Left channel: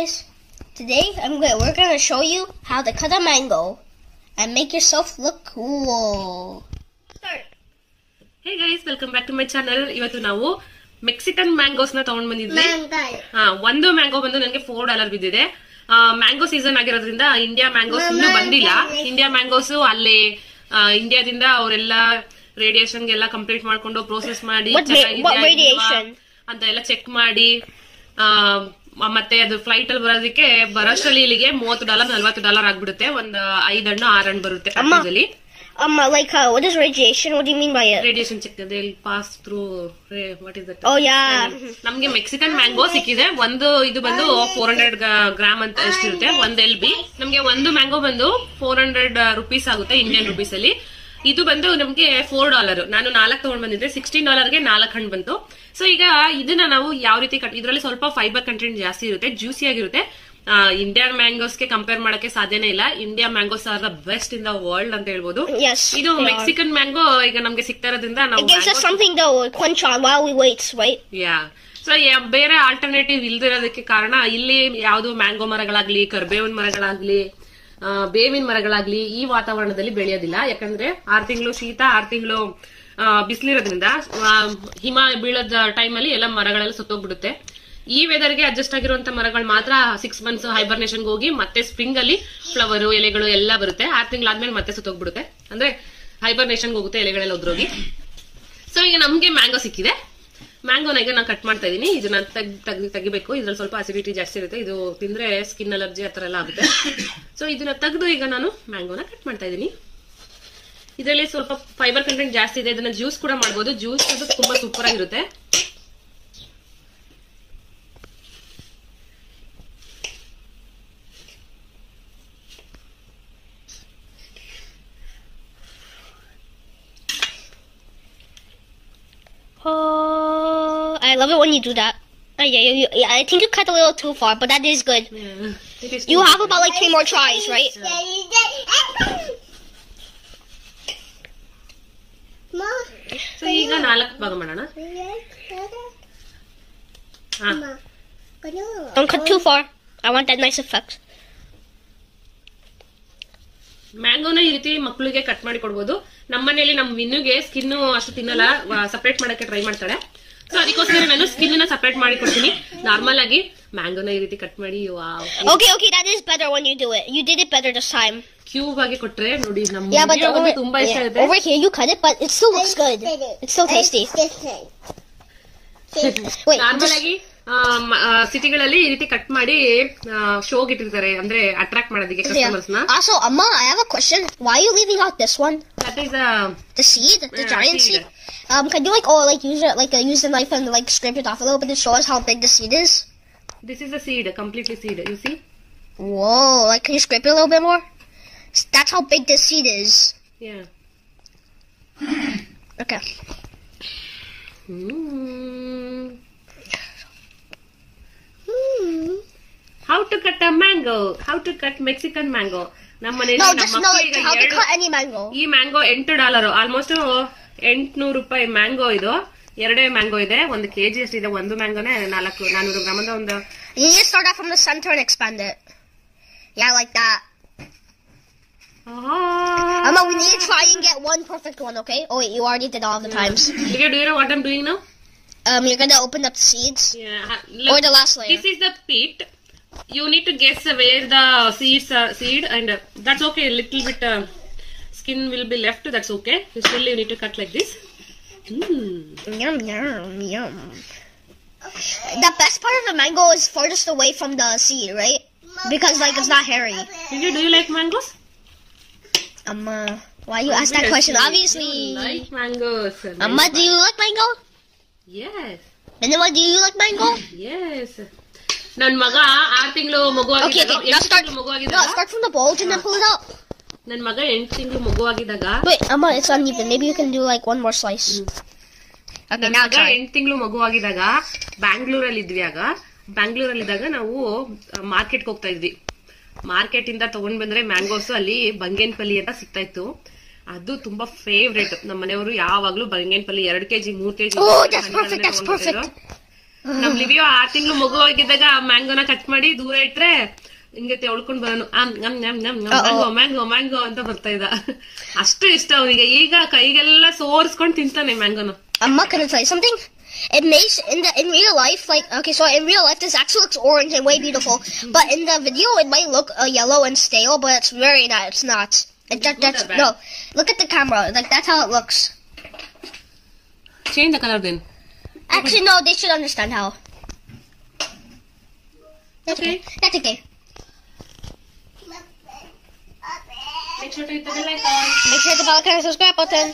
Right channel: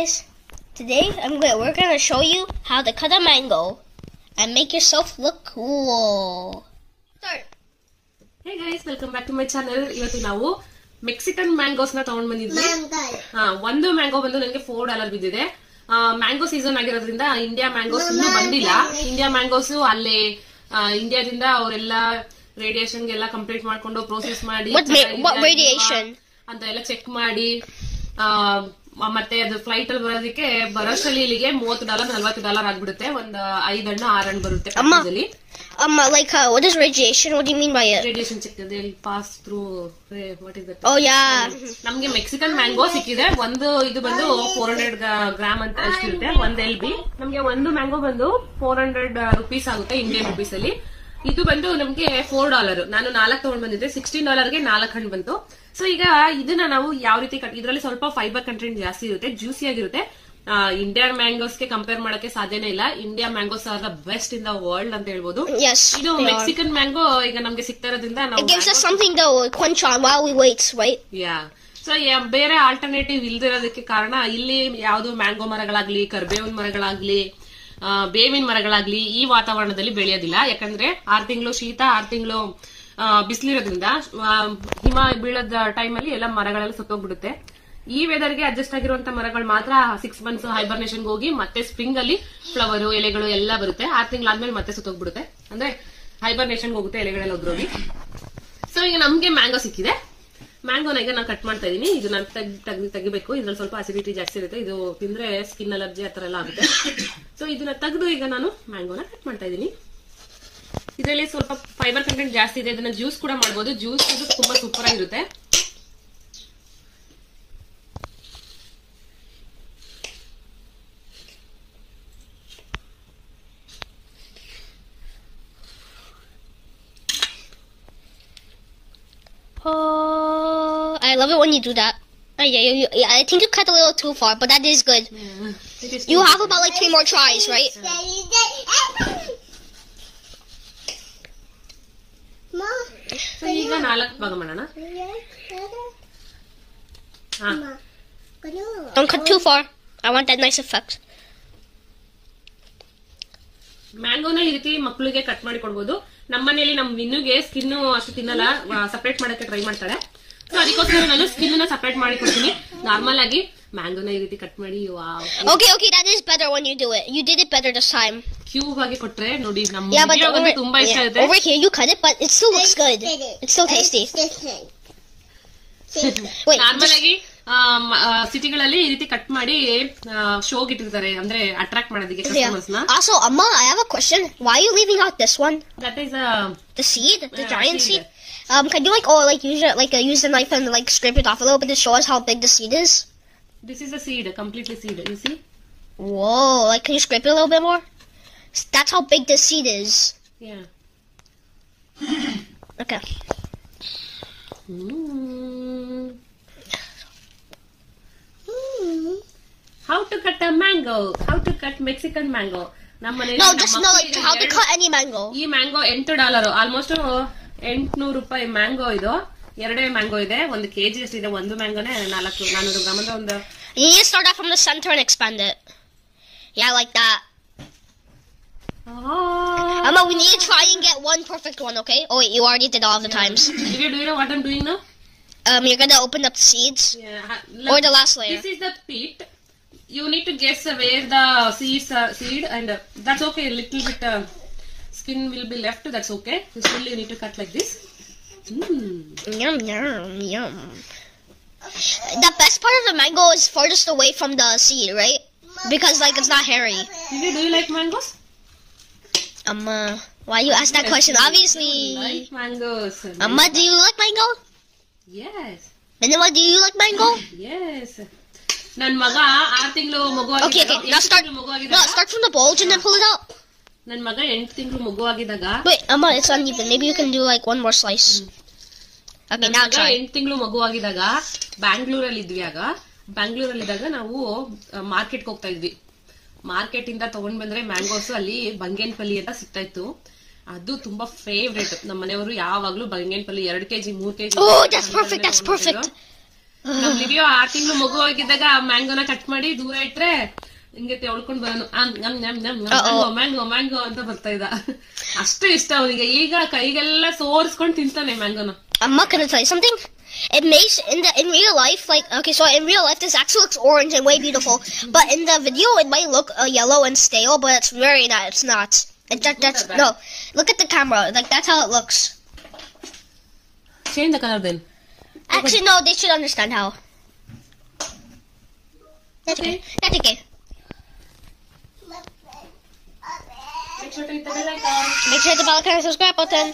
guys, we're gonna show you how to cut a mango and make yourself look cool. Start. Hey guys, welcome back to my channel. ಇವತ್ತು ನಾವು Mexican mangoes ನ ತಗೊಂಡ್ ಬಂದಿದ್ವಿ. ಒಂದು mango ಬಂದು ನನಗೆ $4 ಬಿದ್ದಿದೆ. ಮ್ಯಾಂಗೋ ಸೀಸನ್ ಆಗಿರೋದ್ರಿಂದ ಇಂಡಿಯಾ ಮ್ಯಾಂಗೋಸ್ ಇನ್ನೂ ಬಂದಿಲ್ಲ. ಇಂಡಿಯಾ ಮ್ಯಾಂಗೋಸ್ ಅಲ್ಲೇ ಇಂಡಿಯಾದಿಂದ ಅವರೆಲ್ಲ ರೇಡಿಯೇಷನ್ ಗೆಲ್ಲ ಕಂಪ್ಲೀಟ್ ಮಾಡ್ಕೊಂಡು ಪ್ರೋಸೆಸ್ ಮಾಡಿ ಅಂತ ಎಲ್ಲ ಚೆಕ್ ಮಾಡಿ ಮತ್ತೆ ಅದು ಫ್ಲೈಟ್ ಅಲ್ಲಿ ಬರೋದಕ್ಕೆ ಬರೋಷ್ಟರಲ್ಲಿ ಇಲ್ಲಿಗೆ $30-40 ಆಗ್ಬಿಡುತ್ತೆ. ಒಂದ್ 5 ಹಣ್ಣು 6 ಹಣ್ಣು ಬರುತ್ತೆ. Like what is radiation? What do you mean by it? Radiation check. They'll pass through. What is that? Oh yeah. ನಮ್ಗೆ ಮೆಕ್ಸಿಕನ್ ಮ್ಯಾಂಗೋ ಸಿಕ್ಕಿದೆ. ಇದು ಬಂದು 400 ಗ್ರಾಮ್ ಅಂತ ಎಷ್ಟಿರುತ್ತೆ. ಒಂದು LB. ನಮ್ಗೆ ಒಂದು ಮ್ಯಾಂಗೋ ಬಂದು $400 ಆಗುತ್ತೆ ಇಂಡಿಯನ್ ರುಪೀಸ್ ಅಲ್ಲಿ. ಇದು ಬಂದು ನಮ್ಗೆ $4. ನಾನು 4 ತಗೊಂಡ್ ಬಂದಿದ್ದೆ. $16ಗೆ 4 ಹಣ್ಣು ಬಂತು. ಸೊ ಈಗ ಇದನ್ನ ನಾವು ಯಾವ ರೀತಿ ಇದ್ರಲ್ಲಿ ಸ್ವಲ್ಪ ಫೈಬರ್ ಕಂಟೆಂಟ್ ಜಾಸ್ತಿ ಇರುತ್ತೆ, ಜ್ಯೂಸಿ ಆಗಿರುತ್ತೆ. ಇಂಡಿಯನ್ ಮ್ಯಾಂಗೋಸ್ ಗೆ ಕಂಪೇರ್ ಮಾಡಕ್ಕೆ ಸಾಧ್ಯನೇ ಇಲ್ಲ. India mangoes are the best in the world ಅಂತ ಹೇಳ್ಬೋದು. ಇದು ಮೆಕ್ಸಿಕನ್ ಮ್ಯಾಂಗೋ ಈಗ ನಮ್ಗೆ ಸಿಗ್ತಾ ಇರೋದ್ರಿಂದ ಸೊ ಬೇರೆ ಆಲ್ಟರ್ನೇಟಿವ್ ಇಲ್ದಿರೋದಕ್ಕೆ ಕಾರಣ ಇಲ್ಲಿ ಯಾವ್ದು ಮ್ಯಾಂಗೋ ಮರಗಳಾಗ್ಲಿ, ಕರ್ಬೇವಿನ ಮರಗಳಾಗ್ಲಿ, ಬೇವಿನ ಮರಗಳಾಗ್ಲಿ ಈ ವಾತಾವರಣದಲ್ಲಿ ಬೆಳೆಯೋದಿಲ್ಲ. ಯಾಕಂದ್ರೆ 6 ತಿಂಗಳು ಶೀತ, 6 ತಿಂಗಳು ಬಿಸಿಲಿರೋದ್ರಿಂದ ಹಿಮ ಬೀಳದ ಟೈಮ್ ಅಲ್ಲಿ ಎಲ್ಲ ಮರಗಳೆಲ್ಲ ಸುತ್ತೋಗ್ಬಿಡುತ್ತೆ. ಈ ವೆದರ್ ಗೆ ಅಡ್ಜಸ್ಟ್ ಆಗಿರುವಂತ ಮರಗಳು ಮಾತ್ರ 6 ಮಂತ್ಸ್ ಹೈಬರ್ನೇಷನ್ ಹೋಗಿ ಮತ್ತೆ ಸ್ಪ್ರಿಂಗ್ ಅಲ್ಲಿ ಫ್ಲವರ್ ಎಲೆಗಳು ಎಲ್ಲ ಬರುತ್ತೆ. 6 ತಿಂಗಳಾದ್ಮೇಲೆ ಮತ್ತೆ ಸುತ್ತೋಗ್ಬಿಡುತ್ತೆ, ಅಂದ್ರೆ ಹೈಬರ್ನೇಷನ್ ಹೋಗುತ್ತೆ ಎಲೆಗಳೆಲ್ಲ ಉದ್ರೋಗಿ. ಸೊ ಈಗ ನಮ್ಗೆ ಮ್ಯಾಂಗೋ ಸಿಕ್ಕಿದೆ. ಮ್ಯಾಂಗೋನ ಈಗ ನಾನು ಕಟ್ ಮಾಡ್ತಾ ಇದೀನಿ. ಇದನ್ನ ತೆಗಿಬೇಕು. ಇದ್ರಲ್ಲಿ ಸ್ವಲ್ಪ ಅಸಿಡಿಟಿ ಜಾಸ್ತಿ ಇರುತ್ತೆ. ಇದು ತಿಂದ್ರೆ ಸ್ಕಿನ್ ಅಲರ್ಜಿ ಆತರ ಎಲ್ಲ ಆಗುತ್ತೆ. ಸೊ ಇದನ್ನ ತೆಗೆದು ಈಗ ನಾನು ಮ್ಯಾಂಗೋನ ಕಟ್ ಮಾಡ್ತಾ ಇದೀನಿ. ಇದರಲ್ಲಿ ಸ್ವಲ್ಪ ಫೈಬರ್ ಕಂಟೆಂಟ್ ಜಾಸ್ತಿ ಇದೆ. ಇದನ್ನ ಜ್ಯೂಸ್ ಕೂಡ ಮಾಡಬಹುದು. ಜ್ಯೂಸ್ ತುಂಬಾ ಸೂಪರ್ ಆಗಿರುತ್ತೆ. Oh, I love it when you do that. Yeah, I think you cut a little too far, but that is good. You have about like 3 more tries, right? So ಈಗ 4 ಭಾಗ ಮಾಡೋಣ. Don't cut too far. I want that nice effect. ಮ್ಯಾಂಗೋನ ಈ ರೀತಿ ಮಕ್ಕಳಿಗೆ cut ಮಾಡಿ ಕೊಡ್ಬೋದು. ನಮ್ಮನೇಲಿ ನಮ್ ವಿನ್ನುಗೆ ಸ್ಕಿನ್ ಅಷ್ಟು ತಿನ್ನಲ್ಲ, ಸಪರೇಟ್ ಮಾಡಕ್ಕೆ ಟ್ರೈ ಮಾಡ್ತಾಳೆ. ಸೊ ಅದಕ್ಕೋಸ್ಕರ ನಾನು ಸ್ಕಿನ್ ನ ಸಪರೇಟ್ ಮಾಡಿ ಕೊಡ್ತೀನಿ. ನಾರ್ಮಲ್ ಆಗಿ ಮ್ಯಾಂಗೋನ ಈ ರೀತಿ ಕಟ್ ಮಾಡಿ Okay, that is better when you do it. You did it better this time. Cube ಆಗಿ ಕೊಟ್ರೆ ನೋಡಿ ನಮ್ಗೆ ತುಂಬಾ ಇಷ್ಟ ಆಗುತ್ತೆ. Over here you cut it, but it still looks good. It's still tasty. Normal ಆಗಿ ಸಿಟಿಗಳಲ್ಲಿ ಈ ರೀತಿ ಕಟ್ ಮಾಡಿ ಶೋಗೆ ಇಟ್ಟಿರ್ತಾರೆ, ಅಂದ್ರೆ ಅಟ್ರಾಕ್ಟ್ ಮಾಡೋದಕ್ಕೆ ಕಸ್ಟಮರ್ಸ್ ನ. Also, Amma, I have a question. Why are you leaving out this one? That is the seed, the giant seed. Can you use the knife and like scrape it off a little bit to show us how big the seed is? This is the seed, completely seed. You see? Whoa! Like, can you scrape it a little bit more? That's how big this seed is. Yeah. Okay. How to cut a mango? How to cut Mexican mango? How to cut any mango. ಈ mango $8, almost $800 mango. ಇದು 2 mango ಇದೆ. 1 kg ಅಷ್ಟಿದೆ. ಒಂದು ಮ್ಯಾಂಗೋನೇ 400 gram ಅಂದ್ರೆ ಒಂದು. You need to start off from the center and expand it. Yeah, like that. Amma, we need to try and get one perfect one, okay? Oh wait, you already did all the times. Do you know what I'm doing now? You're gonna open up the seeds. Yeah. Or the last layer. This is the pit. You need to guess where the seed and that's okay. A little bit skin will be left. That's okay. Still you need to cut like this. Yum yum yum. The best part of the mango is furthest away from the seed, right? Because like it's not hairy. Do you like mangoes? Why you ask that question? Obviously. I like mangoes. Amma, do you like mango? Yes. And then what, do you like mango? Yes. Nan maga 6 ತಿಂಗಳು ಮಗು ಆಗಿದ್ದಾಗ. Okay, now start from the bulge and then pull it out. Nan maga 8 ತಿಂಗಳು ಮಗು ಆಗಿದ್ದಾಗ. Wait, Amma, it's uneven. Maybe you can do like one more slice. Okay, now try. 8 ತಿಂಗಳು ಮಗು ಆಗಿದ್ದಾಗ ಬ್ಯಾಂಗ್ಳೂರಲ್ಲಿ ಇದ್ವಿ. ಬ್ಯಾಂಗ್ಳೂರಲ್ಲಿದ್ದಾಗ ನಾವು ಮಾರ್ಕೆಟ್ಗೆ ಹೋಗ್ತಾ ಇದ್ವಿ. ಮಾರ್ಕೆಟ್ ಇಂದ ತಗೊಂಡ್ ಬಂದ್ರೆ ಮ್ಯಾಂಗೋಸ್ ಅಲ್ಲಿ ಬಂಗೇನ್ಪಲ್ಲಿ ಅಂತ ಸಿಗ್ತಾ ಇತ್ತು. ಅದು ತುಂಬಾ ಫೇವ್ರೇಟ್. ನಮ್ಮ ಮನೆಯವರು ಯಾವಾಗ್ಲೂ ಬಂಗೇನ್ಪಲ್ಲಿ 2 kg 3 kg. Oh, that's perfect. ನಮ್ ಲಿವಿಯೋ 6 ತಿಂಗಳು ಮಗು ಆಗಿದ್ದಾಗ ಆ ಮ್ಯಾಂಗೋನ ಕಟ್ ಮಾಡಿ ದೂರ ಇಟ್ರೆ ಹಿಂಗೆ ತೆವಳ್ಕೊಂಡ್ ಬರೋನು ಮ್ಯಾಂಗೋ ಮ್ಯಾಂಗೋ ಅಂತ ಬರ್ತಾ ಇದ್ದ. ಅಷ್ಟು ಇಷ್ಟ ಅವನಿಗೆ. ಈಗ ಕೈಗೆಲ್ಲ ಸೋರ್ಸ್ಕೊಂಡ್ ತಿಂತಾನೆ ಮ್ಯಾಂಗೋನ. I'm not gonna tell you something. It makes in real life, like, okay, so in real life this actually looks orange and way beautiful, but in the video it might look yellow and stale, but it's very not. It's not. That's no. Look at the camera. Like, that's how it looks. Change the color then. Actually, no. They should understand how. That's okay. That's okay. Make sure to hit the bell icon. Make sure to hit the bell icon and subscribe button.